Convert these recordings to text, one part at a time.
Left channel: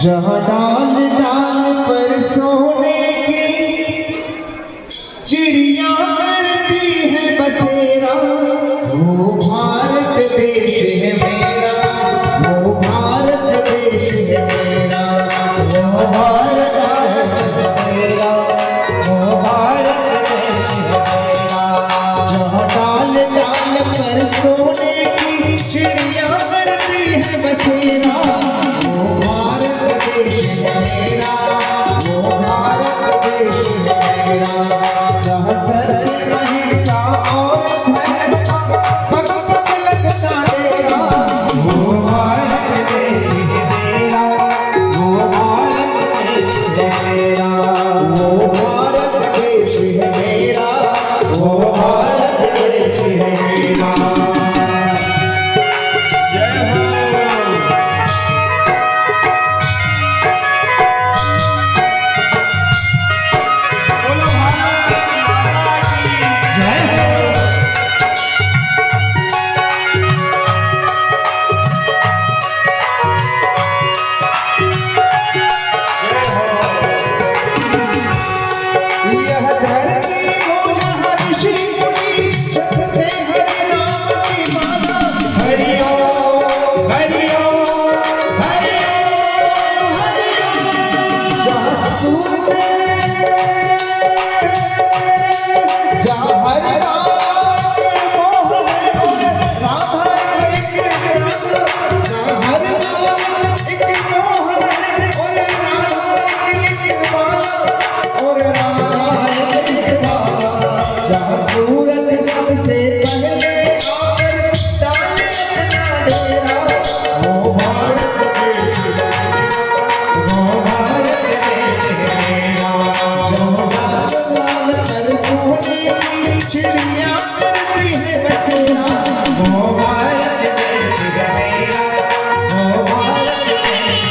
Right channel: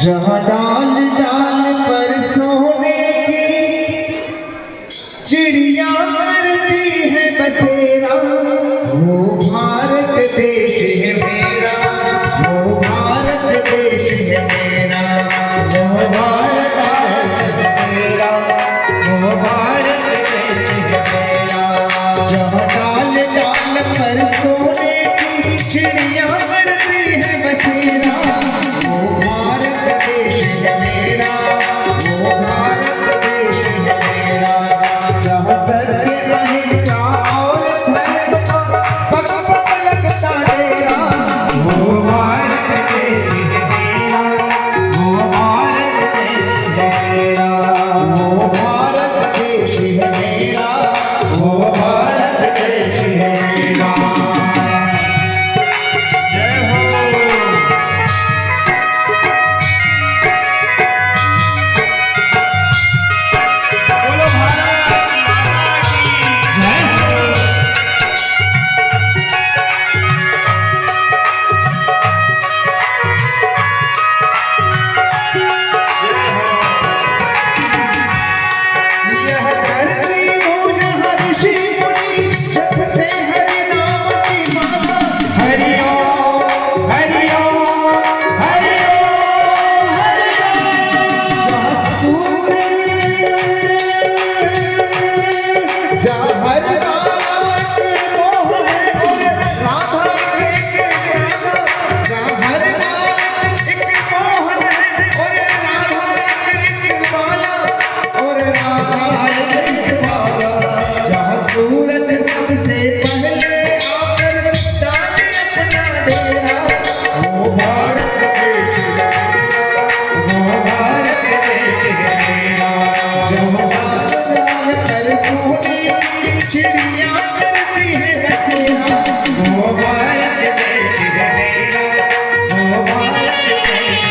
जहाँ डाल डाल पर सोने की चिड़िया करती है बसेरा, वो भारत देश है मेरा, वो भारत देश है मेरा, वो भारत देश है मेरा, वो भारत देश है मेरा। जहाँ डाल डाल पर सोने की चिड़िया करती है बसेरा, वो भारत देश है मेरा, वो भारत देश है मेरा। जहाँ सर अहिंसा और धर्म पग पग लगता रहेगा, वो भारत देश है मेरा, वो भारत देश है मेरा, वो भारत देश है मेरा, वो भारत देश है मेरा। चिड़िया करती है बसेरा, वो भारत देश है मेरा, वो भारत देश है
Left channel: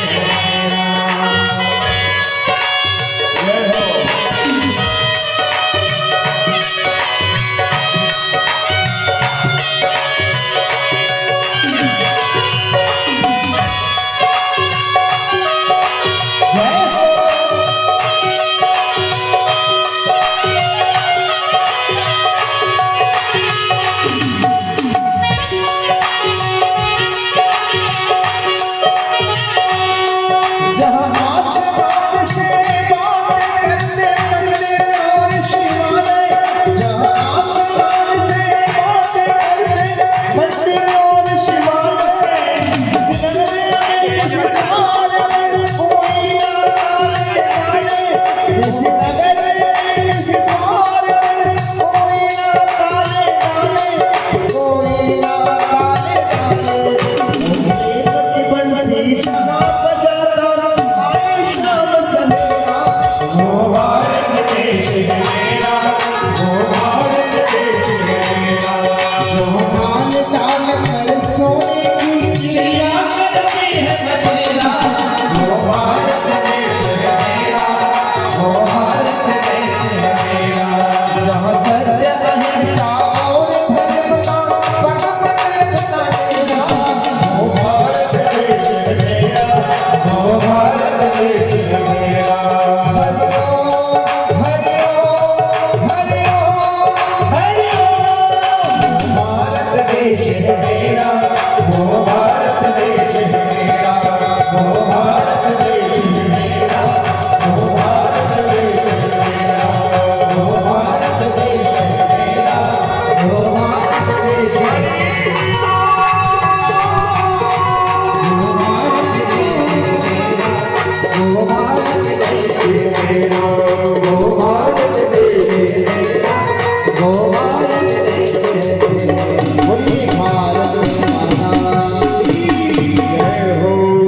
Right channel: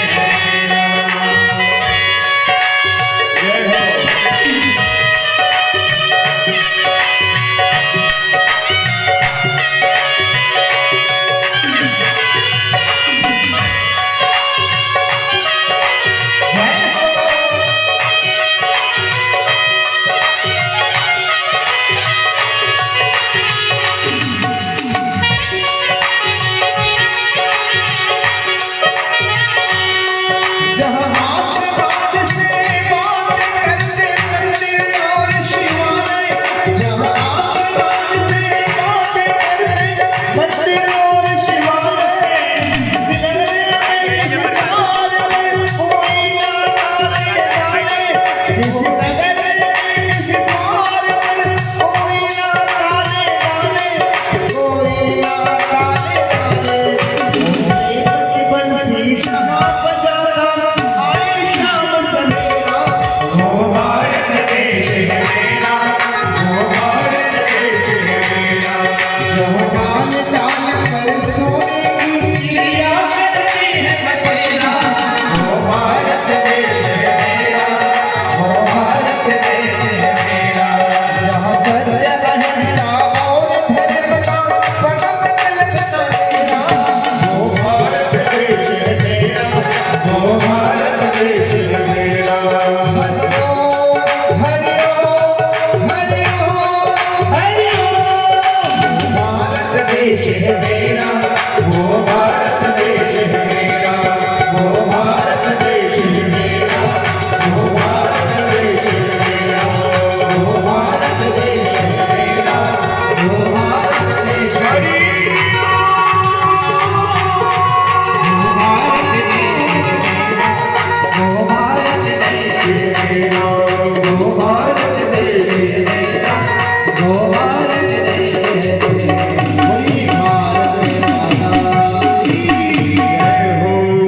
देश है मेरा, वो भारत देश है मेरा, वो भारत देश है मेरा, वो भारत देश है मेरा, वो भारत देश है मेरा, वो भारत देश है मेरा, वो भारत देश है मेरा, वो भारत देश है मेरा, वो भारत देश है मेरा, वो भारत